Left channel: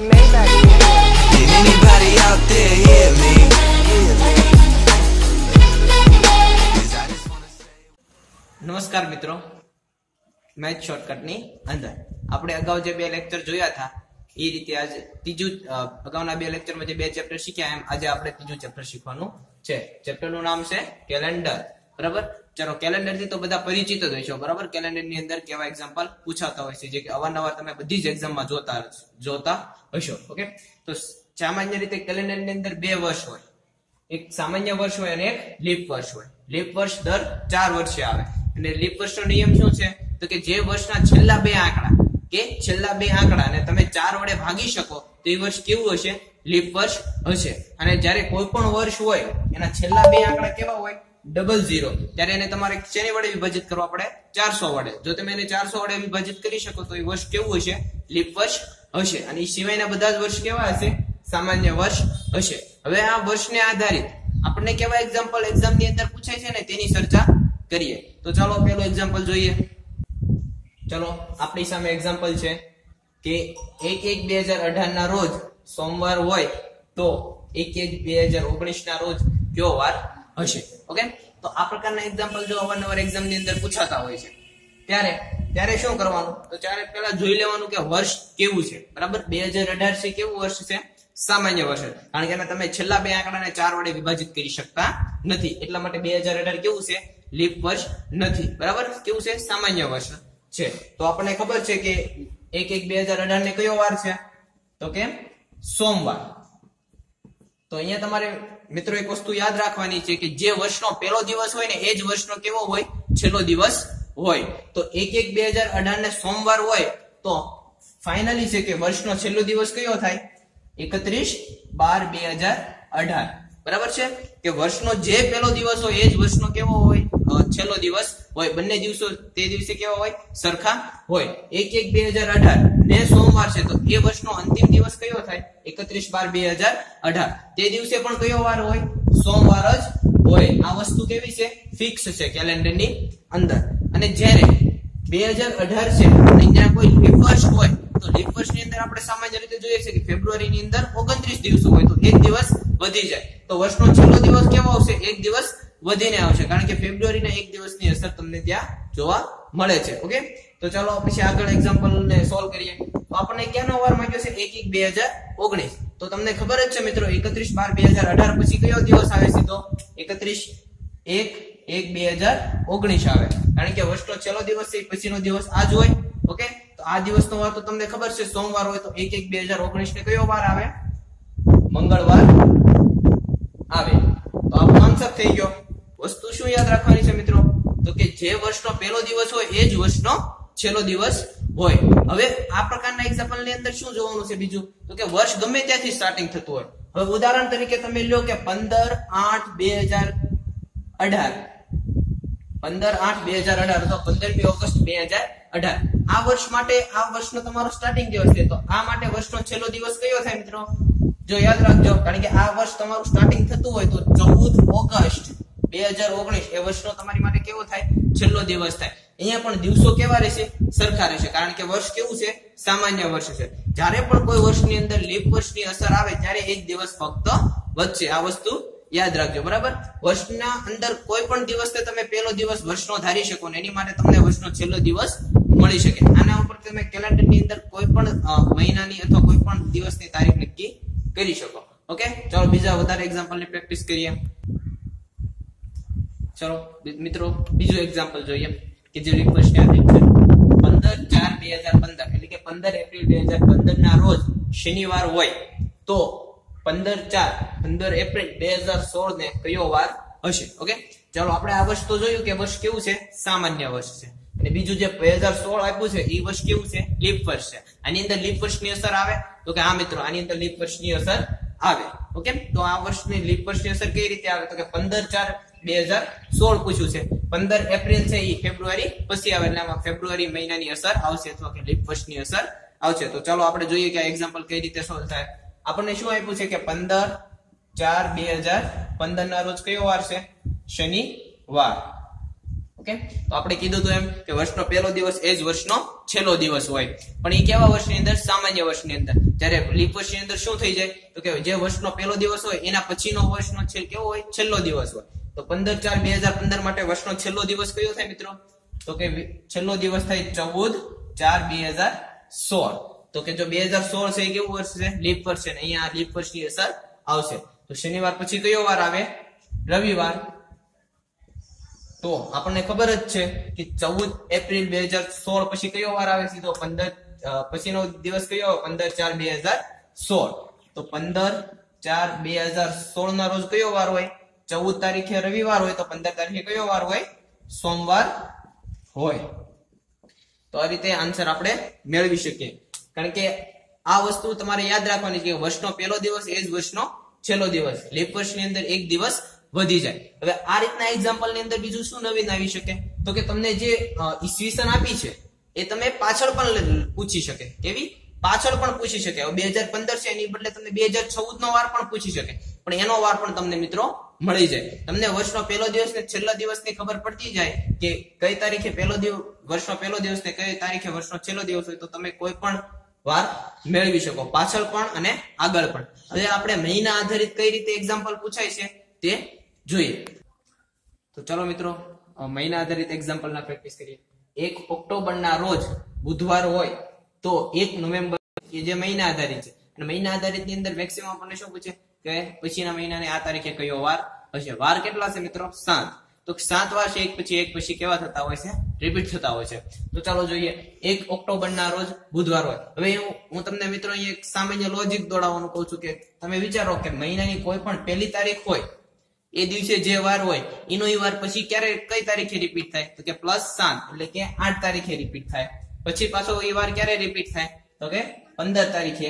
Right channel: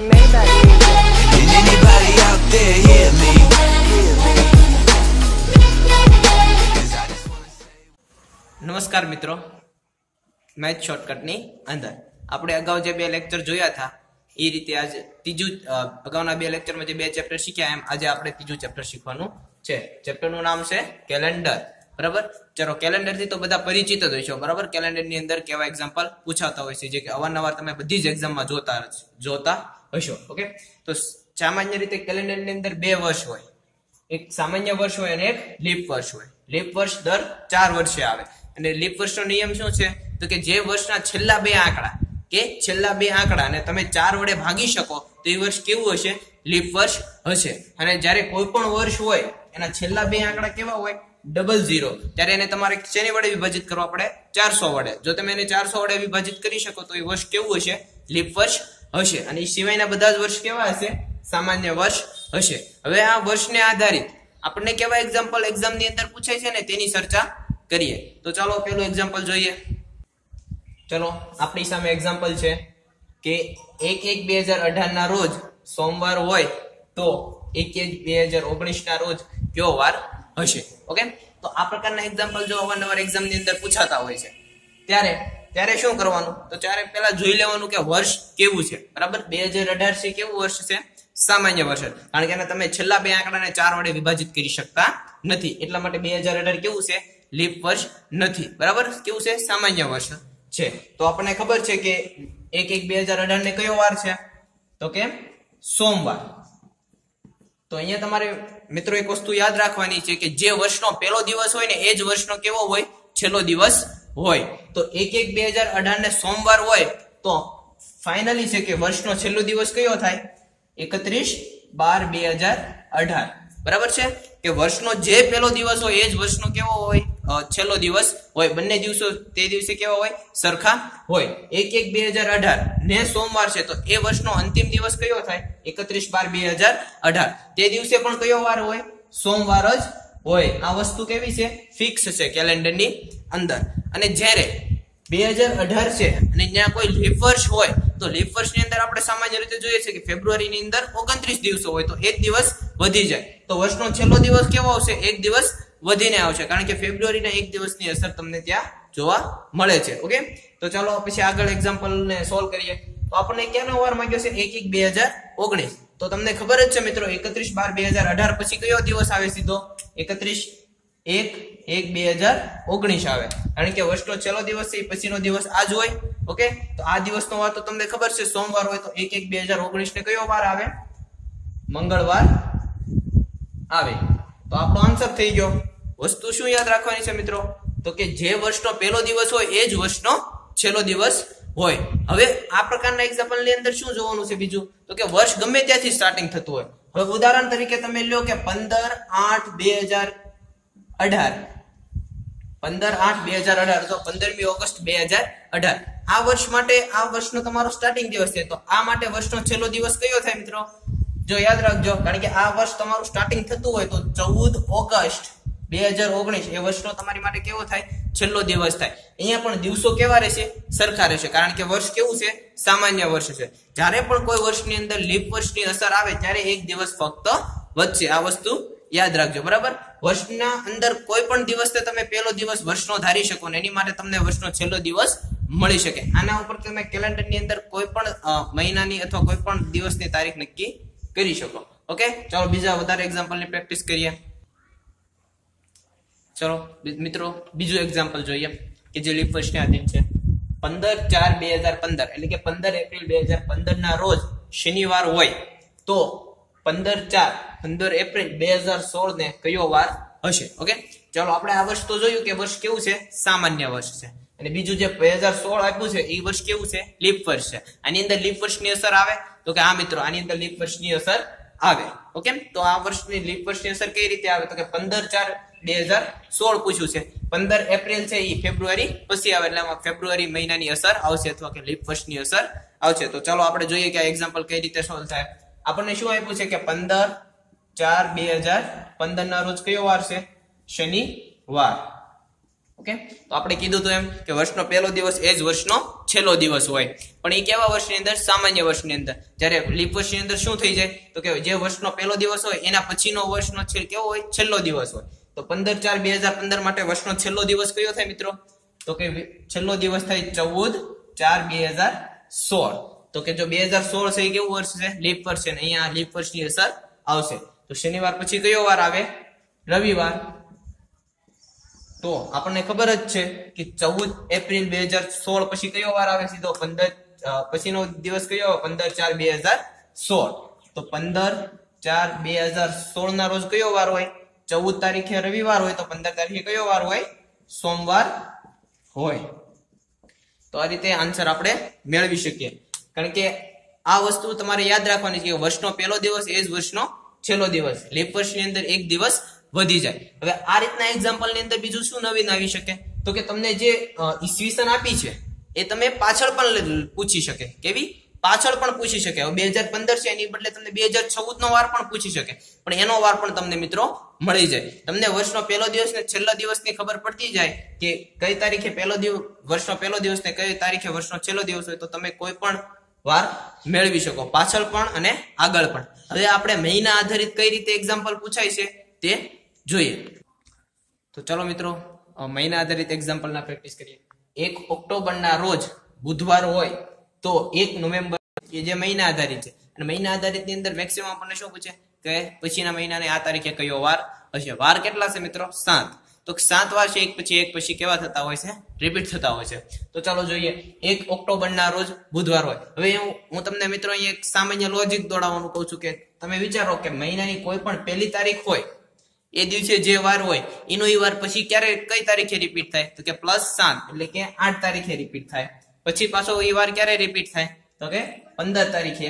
Maybach music. Can anybody out there hear me? Hear me? નમસ્કાર મિત્રો math શોર્ટકટની અંદર આપણે અગાઉ જે બે લેક્ચર જોયા હતા, એ રીતે આજે ત્રીજું અગાઉના બે લેક્ચરમાં જે બે ચેપ્ટર શીખ્યા એમ, આજે આપણે ત્રીજું ચેપ્ટર શીખવાનું છે ચેપ્ટરનું નામ છે કેલેન્ડર બરાબર? ચલો કેલેન્ડરથી તો બધા પરિચિત જ હશો, બરાબર? કેલેન્ડરની અંદર કેવા એક્ઝામ્પલ પૂછાતા હોય છે, જે કે અવારનવાર તમે બધી જ એક્ઝામમાં જોતા જોતા હશો ઓકે તો સામાન્ય રીતે કેલેન્ડરની અંદર બે વર્ષ હોય. એક સામાન્ય વર્ષ હોય અને એક લીપ વર્ષ હોય. લીપ વર્ષ દર ચાર વર્ષે આવે. અને લીપ વર્ષનો નિયમ શું છે? તો કે જે વર્ષના છેલ્લા બે આંકડા, કે છેલ્લા બે આંકડા અને તમે ચાર વડે ભાગી શકો, તો એ વર્ષ કેવું હશે? લીપ વર્ષ હશે. અને જ્યારે કોઈ પણ વર્ષ હોય, એના છેલ્લા બે આંકડા કેવા હોય? ડબલ ઝીરો ત્યારે એને તમારે શેની વડે વિભાજિત કરવા પડે? ચારસો વડે. જો તમે એને ચારસો વડે વિભાજિત કરી શકો, તો એ વર્ષ કેવું હશે? લીપ વર્ષ હશે. અને એ સિવાયના બધા જ વર્ષ કેવા હશે? સામાન્ય વર્ષ હશે. હવે આ વર્ષને આધારિત આપણને કેવા એક્ઝામ્પલ એક્ઝામની અંદર પૂછાય છે ને, તેની ચર્ચા કરીએ. તો ચાલો પેલું એક્ઝામ્પલ જોઈએ. ચલો, આપણી સામે એક્ઝામ્પલ છે કે એક એક બે હજાર અઢાર ના રોજ સોમવાર હોય તો એક એક બે હજાર ઓગણીસ ના રોજ કયો વાર હશે? ઓકે? તો આ પ્રકારના એક્ઝામ્પલ જો અવારનવાર એક્ઝામની અંદર પૂછાતા હોય છે. ત્યારે ત્યારે શું કરવાનું? તો ત્યારે પેલા જોઈ લેવાનું કે વર્ષ કેવું છે. બરાબર? બે હજાર અઢાર છે, કેવું વર્ષ છે? સામાન્ય વર્ષ કારણ કે તમે છેલ્લા બે આંકડાને ચાર વડે વિભાજિત કરી શકતા નથી. એટલા માટે બે હજાર અઢાર કેવું છે? લીપ વર્ષ નથી. બરાબર? કેવું છે? સામાન્ય વર્ષ છે. તો આપણને ખબર છે કે એક એક બે હજાર અઢાર ને કયો વાર છે? તો કે સોમવાર. તો અહીંયા તમારે મિત્રો, એક વસ્તુ યાદ રાખવાની છે કે જે વર્ષનો પહેલો દિવસ હોય ને, એ જ વર્ષનો કેવો હોય? છેલ્લો દિવસ હોય. તો એક એક બે હજાર અઢાર સોમવાર હોય, તો ફાઇનલી છે કે વર્ષનો છેલ્લો દિવસ કયો થાય? એકત્રીસ બાર બે હજાર અઢાર. બરાબર છે? કે વર્ષનો જે પહેલો દિવસ હોય, એ જ વર્ષનો કેવો હોય? છેલ્લો દિવસ હોય, બંને દિવસો તે દિવસે કેવા હોય? સરખા હોય. એક એક બે હજાર અઢાર ને સોમવાર છે, તો એ વર્ષનો અંતિમ દિવસ કયો થાય? એકત્રીસ બાર બે હજાર અઢાર. તે દિવસે પણ કયો વાર હોય? સોમવાર જ હોય. આ વસ્તુ કેવી છે? ફિક્સ છે કેલેન્ડરની અંદર. અને જ્યારે બે હજાર અઢાર છે, અને ત્યાં કોઈ રિફર્સ હોય તો લીપ વર્ષની અંદર આપણે સામાન્ય રીતે જોઈએ છે કે ફેબ્રુઆરીની અંદર ઓગણત્રીસ દિવસો હોય તો એક દિવસ વધી જાય. તો વર્ષનો છેલ્લો દિવસ કેવો આવશે? એક દિવસ વધીને આવશે. કારણ કે ફેબ્રુઆરીના એક દિવસની અસર તમને ત્યાં જોવા મળે છે. ઓકે? તો ચાલો પછી આગળ એક્ઝામ્પલ ને સોલ્વ કરીએ. તો આપણને ક્યાંનો વાર માંગ્યો છે? એક એક બે હજાર ઓગણીસ. તો તમને ખબર જ છે મિત્રો, એકત્રીસ બાર બે હજાર અઢાર પછી કયો દિવસ આવે સીધો? એકત્રીસ એક એક બે હજાર ઓગણીસ આવે. કારણ કે વર્ષનો છેલ્લો દિવસ છે પછીનો દિવસ આજ હોય. ઓકે? તો આ દિવસનો વાર તો તમને ખબર છે, સોમવાર હોય તો એક એક બે હજાર ઓગણીસ ને કયો વાર આવે? મંગળવાર આવે. તો આપણો આન્સર થઈ ગયો. વસ્તુ શું યાદ રાખવાની છે મિત્રો? તો કે જે વર્ષનો પહેલો દિવસ હોય, એ જ વર્ષનો છેલ્લો દિવસ હોય. હવે આ પ્રકારના એક્ઝામ્પલની અંદર શું જોવાનું છે બીજું? તો કે વર્ષ ગમે ત્યાંથી સ્ટાર્ટિંગ થતું હોય. હવે ઉદાહરણ તરીકે તમે લ્યો કે પંદર આઠ બે હજાર અઢાર. પંદર આઠ બે હજાર અઢાર, તો પંદરમી ઓગસ્ટ બે હજાર અઢાર. આ વર્ષ માટે, આ વર્ષનો તમારો સ્ટાર્ટિંગ દિવસ છે. તો આ માટે વર્ષનો છેલ્લો દિવસ કયો થાય મિત્રો? જો યાદ રાખજો, કારણ કે આ વર્ષ તમારું સ્ટાર્ટિંગ થતું હોય તો ચૌદ ઓગસ્ટ બે હજાર ઓગણીસ એ વર્ષનો તમારી માટે કેવો થાય? છેલ્લો દિવસ થાય. અહીંયા પણ દિવસો કેવા રહેશે? સરખા રહેશે. કારણ કે વર્ષ કેવું છે? સામાન્ય વર્ષ છે. જ્યારે પણ કોઈ વર્ષની અંદર લીપ વર્ષની અસર આવે, ત્યારે એક દિવસ ફક્ત વધશે. આ વસ્તુ યાદ રાખજો. બરાબર? વર્ષના અંદર કોઈ પણ દિવસ તમે પહેલો દિવસ વર્ષનો ધારી શકો ને, એની માટે તમને વર્ષનો છેલ્લો દિવસ મળી શકે. આના ઉપર તમે કેલેન્ડરની અંદર કોઈ પણ મહિનાની અથવા કોઈ પણ દિવસની તારીખ નક્કી કરી શકો. ઓકે? ચાલો, બીજા વધારે એક્ઝામ્પલની પ્રેક્ટિસ કરીએ. ચલો મિત્રો, બીજું એક્ઝામ્પલ જોઈએ કે જે લીપ આધારિત છે. પંદર ચાર બે હજાર પંદર, એટલે કે પંદર એપ્રિલ બે હજાર પંદર ના રોજ શનિવાર હોય, તો પંદર ચાર, પંદર એપ્રિલ બે હજાર સોળ ને કયો વાર હશે? ઓકે? ચાલો, આપણે આ વર્ષ તો જોયું કે વર્ષ કેવું છે? સામાન્ય વર્ષ છે. અને બીજું જે બે હજાર સોળ આપ્યું છે, એ વર્ષ કેવું છે? લીપ વર્ષ છે. આની અંદર લીપ વર્ષની અસર આવે? તો કે હા મિત્રો, આની અંદર લીપ વર્ષની અસર આવે. ઓકે? તો આ વર્ષની લીપ વર્ષની અસર કઈ રીતે આવે? તો કે પંદર ચાર બે હજાર સોળ પૂછ્યું છે. પંદર એપ્રિલ છે એ ફેબ્રુઆરી. પછી આવે એટલે આમાં ફેબ્રુઆરી મહિનાની અસર આવશે અથવા કે લીપ વર્ષની અસર આવશે. તો ચાલો આપણે જોઈએ કે આ એક્ઝામ્પલ કઈ રીતે સોલ્વ થાય. આપણને શું આપ્યું છે કે પંદર ચાર બે હજાર પંદર ના રોજ કયો વાર છે? શનિવાર. ઓકે? તો આપણે કીધું હતું એમ કે વર્ષનો પહેલો દિવસ એ જ વર્ષનો છેલ્લો દિવસ હોય. પણ એ કેવા વર્ષની અંદર? સામાન્ય વર્ષની અંદર. જ્યારે લીપ વર્ષની અંદર શું થઈ જાય? તો કે જે વર્ષનો પહેલો દિવસ હોય, એના પછીનો વર્ષનો છે કેવો હોય? છેલ્લો દિવસ હોય. તો પંદર ચાર બે હજાર પંદર માટે વર્ષનો છેલ્લો દિવસ કયો થાય મિત્રો? તો કે છેલ્લો દિવસ થાય ચૌદ ચાર બે હજાર સોળ. તો કે જો બે હજાર સોળ છે, એ કેવું વર્ષ છે? લીપ વર્ષ છે અહીંયા લીપ વર્ષની અસર આવશે. તો શનિવાર પછી કયો વાર આવે? રવિવાર. તો આપણને ખબર જ છે કે ચૌદ એપ્રિલ બે હજાર સોળ પછી કયો વાર આવે સીધો પંદર પછીનો દિવસ કયો પંદર ચાર બે હજાર સોળ. તો પંદર ચાર બે હજાર સોળ ના રોજ કયો વાર હોય? ચૌદ તારીખે રવિવાર હોય તો પંદર તારીખે કયો વાર હોય? સોમવાર હોય. તો આ રીતે આન્સર આપણે મેળવી શકીએ. કારણ કે આ વસ્તુ તમારે યાદ રાખવાની છે કે વર્ષનો પહેલો દિવસ એ જ વર્ષનો છેલ્લો દિવસ. લીપ વર્ષની અંદર એક દિવસ વધી જાય. હવે આ રીતના એક્ઝામ્પલની અંદર બીજું શું નવીન આવી શકે? તો કે તમને જે ઈસવીસન આપી છે, એ તમે પાછળ પણ પૂછી શકે. કેવી? પાછળ પણ પૂછી શકે. હવે બે હજાર પંદર છે, એની બદલે તમને બે હજાર ચૌદ નો વાર પણ પૂછી શકે. પણ એનો વાર પણ તમને મિત્રો મળી જાય. તમને વર્ષનો પહેલો દિવસ ને છેલ્લા દિવસની ખબર પડતી જાય કે કઈ તારીખે પહેલો દિવસ વર્ષનો પહેલો દિવસ ને કઈ તારીખે વર્ષનો છેલ્લો દિવસ હોય તો તમે કોઈ પણ વાર મેળવી શકો. પાછળ પણ અને આગળ પણ. હવે આપણે મહિના આધારિત કઈ રીતે એક્ઝામ્પલ પૂછાય છે? તે જોઈએ. તો ચલો મિત્રો મહિના આધારિત એક્ઝામ્પલના પ્રેક્ટિસ કરીએ. એક ઓક્ટોબરના રોજ બુધવાર હોય તો એક નવેમ્બર એ જે મહિના આધારિત છે. અને મહિના આધારિતની અંદર મેક્સિમમ આપણને શું પૂછે? કે પછીના મહિનાને આ તારીખે કયો વાર? હશે વાર કેટલા છે મિત્રો? સાત. તો સાત વાર છે, એક પછી એક, પછી કેવા થતા હોય છે? રિપીટ થતા હોય છે. તો ચાલો જોઈએ. એક ઓક્ટોબરના રોજ બુધવાર હોય. હવે હું હું તમને મિત્રો અહીંયા એક સામાન્ય લોજિક દોડાવવાનું કહું છું કે તમે વિચારો કે મહિનાની કોઈ પણ પહેલી તારીખ હોય એ દિવસે જે વાર હોય, એનો એ વાર પછી ક્યારે, કઈ તારીખે રિપીટ થાય? તો કે પ્લસ સાત, એટલે કે આઠ તારીખે રિપીટ થાય. પછી પાછો એ વાર ક્યારે રિપીટ થાય? તો કે પંદર તારીખે.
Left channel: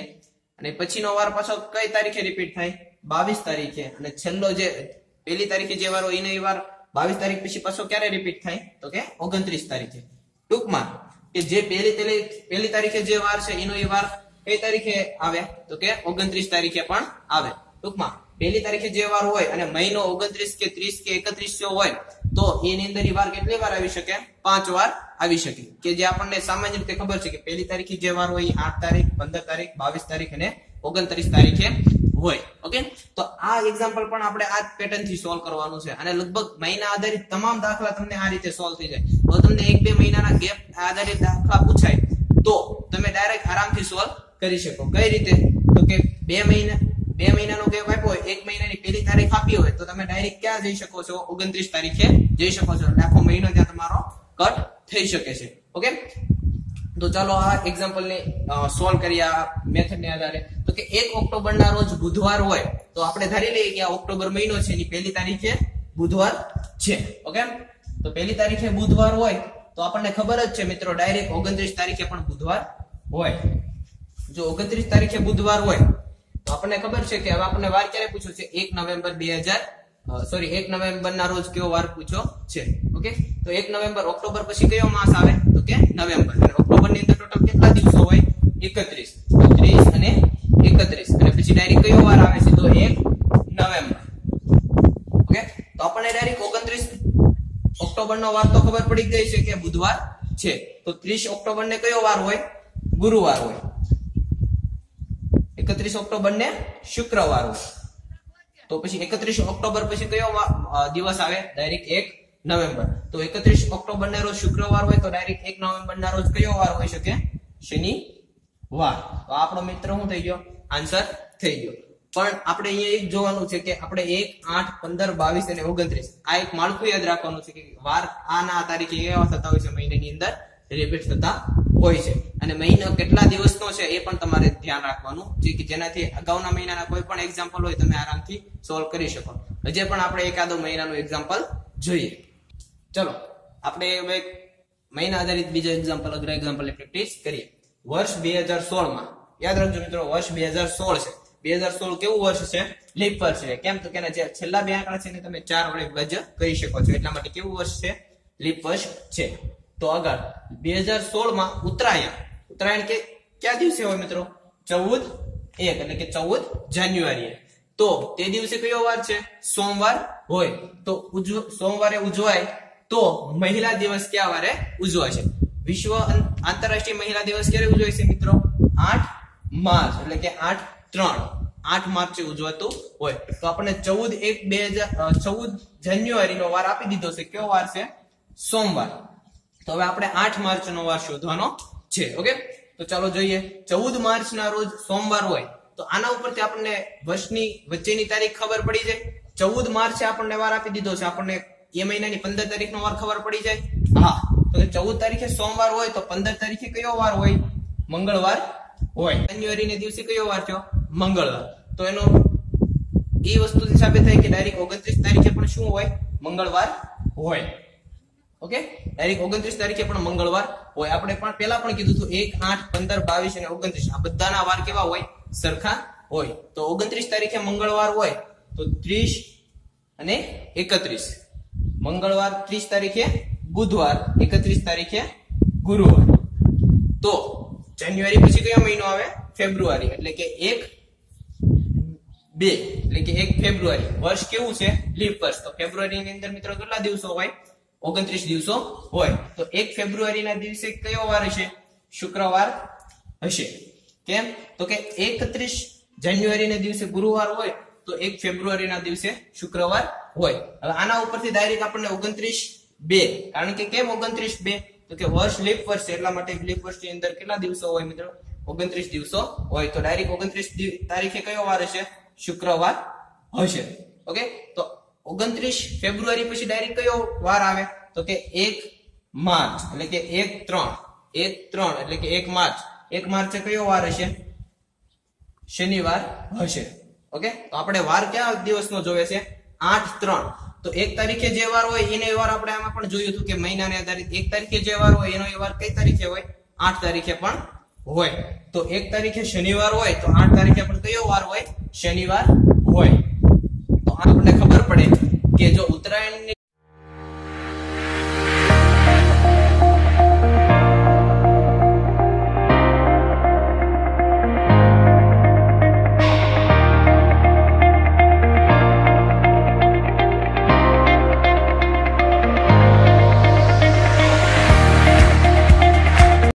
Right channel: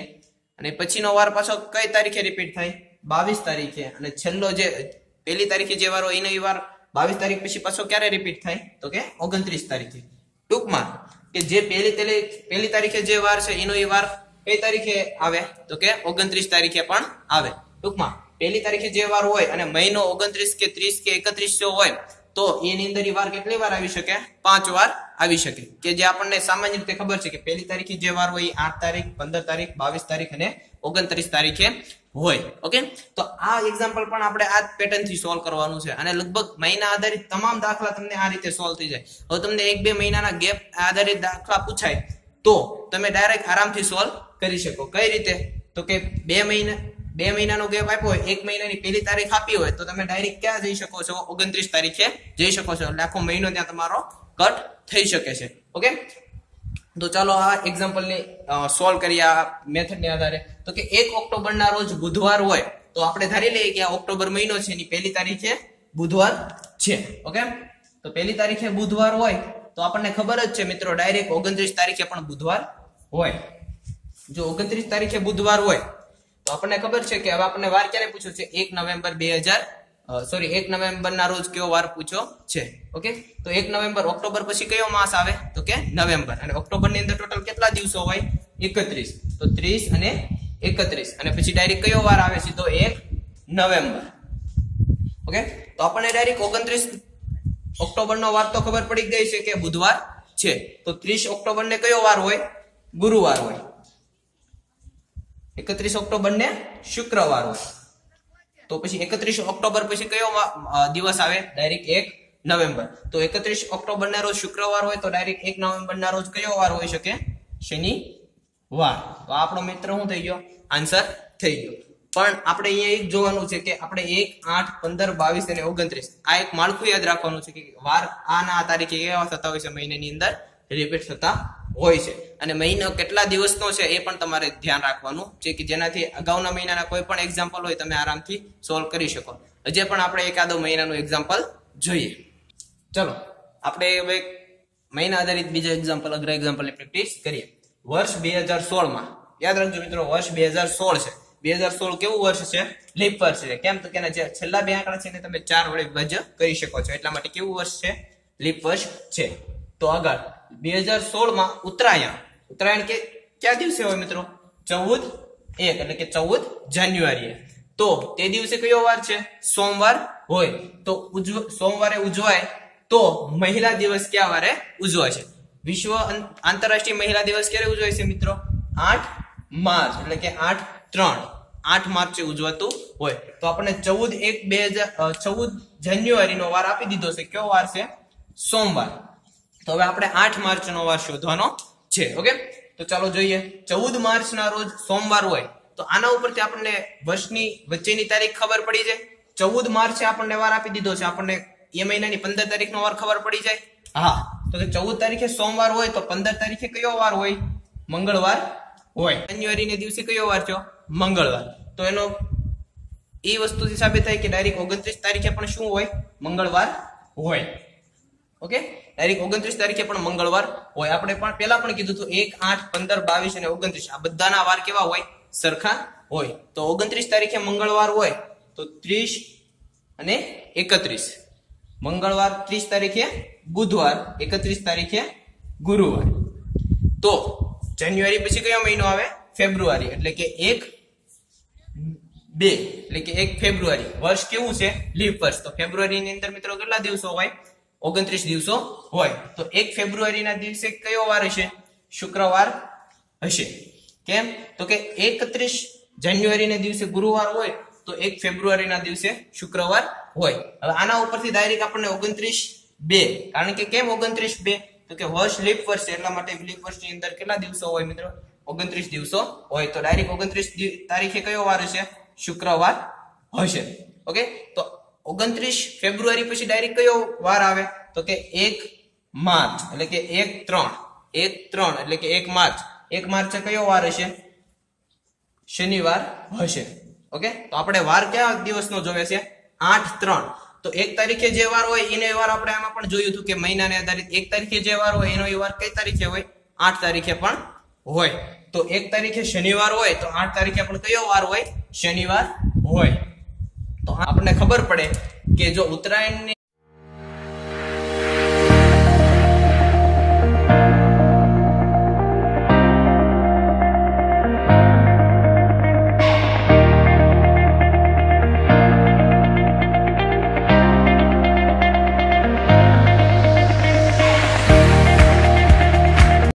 અને પછીનો વાર પાછો કઈ તારીખે રિપીટ થાય? બાવીસ તારીખે. અને છેલ્લો જે, પહેલી તારીખે જે વાર હોય, એનો એ વાર બાવીસ તારીખ પછી પાછો ક્યારે રિપીટ થાય? તો કે ઓગણત્રીસ તારીખે. ટૂંકમાં, કે જે પહેલી પહેલી તારીખે જે વાર છે, એનો એ વાર કઈ તારીખે આવે? તો કે ઓગણત્રીસ તારીખે પણ આવે. ટૂંકમાં પહેલી તારીખે જે વાર હોય અને મહિનો ઓગણત્રીસ કે ત્રીસ કે એકત્રીસ જો હોય, તો એની અંદર વાર કેટલી વાર આવી શકે? પાંચ વાર આવી શકે. કે જે આપણને સામાન્ય રીતે ખબર છે કે પહેલી તારીખે જે વાર હોય આઠ તારીખ, પંદર તારીખ, બાવીસ તારીખ અને ઓગણત્રીસ તારીખે હોય. ઓકે? તો આ એક્ઝામ્પલ પણ આપણે આ પેટર્નથી સોલ્વ કરવાનું છે. અને લગભગ મહિના આધારિત તમામ દાખલા તમને આ રીતે સોલ્વ થઈ જાય. હવે તમને એક બે મહિનાના ગેપ આધારિત દાખલા પૂછાય, તો તમે ડાયરેક્ટ આરામથી સોલ્વ કરી શકો. કઈ રીતે? તો કે બે મહિના બે મહિનાનો ગેપ આપ્યો હોય, એક મહિનાની પહેલી તારીખ આપી હોય, તો તમે ડાયરેક્ટ ક્યાં જઈ શકો છો? ઓગણત્રીસ તારીખે જઈ શકો છો. આખો મહિનો ત્યાં તમારો કટ થઈ શકે છે. ઓકે? તો ચાલો આ એક્ઝામ્પલ ને સોલ્વ કરીએ આ મેથડ ને આધારે. તો કે એક ઓક્ટોબર ના રોજ બુધવાર હોય, તો આપણે ધારી લઈએ કે આ ઓક્ટોબર મહિનો છે એની પહેલી તારીખે બુધવાર છે. ઓકે? તો પહેલી તારીખે બુધવાર હોય, તો આપણને ખબર જ છે મિત્રો ડાયરેક્ટ ઓગણત્રીસ તારીખે પણ બુધવાર હોય. જો ઓગણત્રીસ તારીખે બુધવાર હોય તો આપણને ખબર છે કે હવે આપણને વાર ક્યારે પૂછ્યો છે? એક નવેમ્બર બે હજાર સોરી એક નવેમ્બર ના રોજ કયો વાર પૂછ્યો છે? ઓકે તો એક નવેમ્બર ઓક્ટોબર પછી કયો માસ આવે? તો કે નવેમ્બર. અને ઓક્ટોબરની અંદર ટોટલ કેટલા દિવસો હોય? એકત્રીસ. તો ત્રીસ અને એકત્રીસ. અને પછી ડાયરેક્ટ કયો વાર આવે સીધો એક નવેમ્બર. ઓકે તો આપણને ડાયરેક્ટ ઓગણત્રીસ ઓક્ટોબર નો વાર તો ખબર પડી ગઈ છે કે બુધવાર છે. તો ત્રીસ ઓક્ટોબર ને કયો વાર હોય? ગુરુવાર હોય. એકત્રીસ ઓક્ટોબર ને શુક્રવાર હોય. તો પછી એકત્રીસ ઓક્ટોબર પછી કયો દિવસ આવે? ડાયરેક્ટ એક નવેમ્બર. તો એકત્રીસ ઓક્ટોબર ના રોજ શુક્રવાર હોય તો ડાયરેક્ટ એક નવેમ્બર ના રોજ કયો વાર હોઈ શકે? શનિવાર. તો આપણો મિત્ર શું થઈ ગયો? આન્સર થઈ ગયો. પણ આપણે અહીંયા એક જોવાનું છે કે આપણે એક, આઠ, પંદર, બાવીસ અને ઓગણત્રીસ આ એક માળખું યાદ રાખવાનું છે કે વાર આના તારીખે એવા થતા હોય છે, મહિનાની અંદર રિપીટ થતા હોય છે. અને મહિનો કેટલા દિવસનો છે એ પણ તમારે ધ્યાન રાખવાનું. છે કે જેનાથી અગાઉના મહિનાના કોઈ પણ એક્ઝામ્પલ હોય તમે આરામથી સોલ્વ કરી શકો. હજે પણ આપણે એકાદો મહિનાનું એક્ઝામ્પલ જોઈએ. ચલો, આપણે એક મહિના આધારિત બીજો એક્ઝામ્પલ અગ્ર એક્ઝામ્પલની પ્રેક્ટિસ કરીએ. વર્ષ બે હજાર સોળમાં. યાદ રાખજો મિત્રો, વર્ષ બે હજાર સોળ છે. બે હજાર સોળ કેવું વર્ષ છે? લીપ વર્ષ છે. કેમ તો કે છેલ્લા બે આંકડા છે તમે ચાર વડે વજ કરી શકો છો. એટલા માટે કેવું વર્ષ છે? લીપ વર્ષ છે. તો આગળ, બે હજાર સોળમાં ઉત્તરાયણ. ઉત્તરાયણ કે ક્યાં દિવસે હોય મિત્રો? ચૌદ એક, એટલે કે ચૌદ જાન્યુઆરી તો તે દિવસે કયો વાર છે? સોમવાર હોય. તો સોમવારે ઉજવાય, તો મહિલા દિવસ કયા વારે ઉજવાય છે? વિશ્વ આંતરરાષ્ટ્રીય મહિલા દિવસ ક્યારે ઉજવાય છે મિત્રો? આઠ માર્ચ, એટલે કે આઠ ત્રણ. આઠ માર્ચે ઉજવાતું હોય. તો આપણને ચૌદ એક બે હજાર ચૌદ જાન્યુઆરી નો વાર આપી દીધો છે. કયો વાર છે? સોમવાર. તો હવે આપણે આઠ માર્ચ નો વાર શોધવાનો છે, ઓકે? તો ચાલો જોઈએ. ચૌદ માર્ચ ના રોજ સોમવાર હોય, તો આના ઉપરથી આપણને વર્ષની વચ્ચેની તારીખ ખબર પડી જાય. ચૌદ માર્ચે આપણને વાર આપી દીધો છે. આપણને એ મહિનાની પંદર તારીખ નો વાર ખબર પડી જાય. હા, તો ચૌદ તારીખે સોમવાર હોય, તો પંદર તારીખે કયો વાર હોય? મંગળવાર હોય. જાન્યુઆરી ને દિવસે કયો વાર થયો? મંગળવાર. તો એનો એ વસ્તુથી સાબિત થાય કે ડાયરેક્ટ ઓગણત્રીસ તારીખે પણ શું હોય? મંગળવાર હોય. ઓકે? ડાયરેક્ટ ઓગણત્રીસ તારીખે પણ મંગળવાર હોય. આપણે પણ પેલા પણ કીધું હતું, એક, આઠ, પંદર, બાવીસ અને ઓગણત્રીસ. આ બધાના વાર કેવા હોય? સરખા હોય. તો ઓગણત્રીસ તારીખે મંગળવાર હોય, તો ત્રીસ અને એકત્રીસ. મંગળવાર ત્રીસ તારીખે બુધવાર, એકત્રીસ તારીખે ગુરુવાર. તો જાન્યુઆરી પછી કયો મહિનો આવે? ફેબ્રુઆરી. એટલે કે એક, બે. એટલે કે એક ફેબ્રુઆરી. વર્ષ કેવું છે? લીપ વર્ષ. તો ફેબ્રુઆરીની અંદર મિત્રો કેટલા દિવસો હોય? ઓગણત્રીસ દિવસો હોય. તો એક ફેબ્રુઆરીના દિવસે કયો વાર હશે? શુક્રવાર હશે. કેમ? તો કે એકત્રીસ જાન્યુઆરીના દિવસે ગુરુવાર હોય, તો એક ફેબ્રુઆરીના દિવસે શુક્રવાર હોય. હવે આના ઉપરથી ડાયરેક્ટ આપણને ઓગણત્રીસ બે. કારણ કે કેમ ઓગણત્રીસ બે? તો કે વર્ષ લીપ વર્ષ એટલા માટે લીપ વર્ષની અંદર કેટલા દિવસો હોય મિત્રો? ઓગણત્રીસ દિવસો હોય. તો ડાયરેક્ટ ઓગણત્રીસ તારીખે કયો વાર હશે? શુક્રવાર હશે. ઓકે તો ઓગણત્રીસ ફેબ્રુઆરી પછી ડાયરેક્ટ કયો વાર આવે? તો કે એક માર્ચ, એટલે કે એક ત્રણ એક ત્રણ, એટલે કે એક માર્ચ. એક માર્ચે કયો વાર હશે? શનિવાર હશે. ઓકે? તો આપણે વાર કયા દિવસનો જોવે છે? આઠ ત્રણ. તો એક તારીખે જે વાર હોય એનો વાર આપણે આમાં પણ જોયું હતું કે મહિનાને આધારિત એક તારીખે જે વાર હોય એનો વાર કઈ તારીખે હોય? આઠ તારીખે પણ હોય. તો એક તારીખે શનિવાર હોય તો આઠ તારીખે પણ કયો વાર હોય? શનિવાર હોય. આપણને ખબર પડે કે જો ઉત્તરાયણની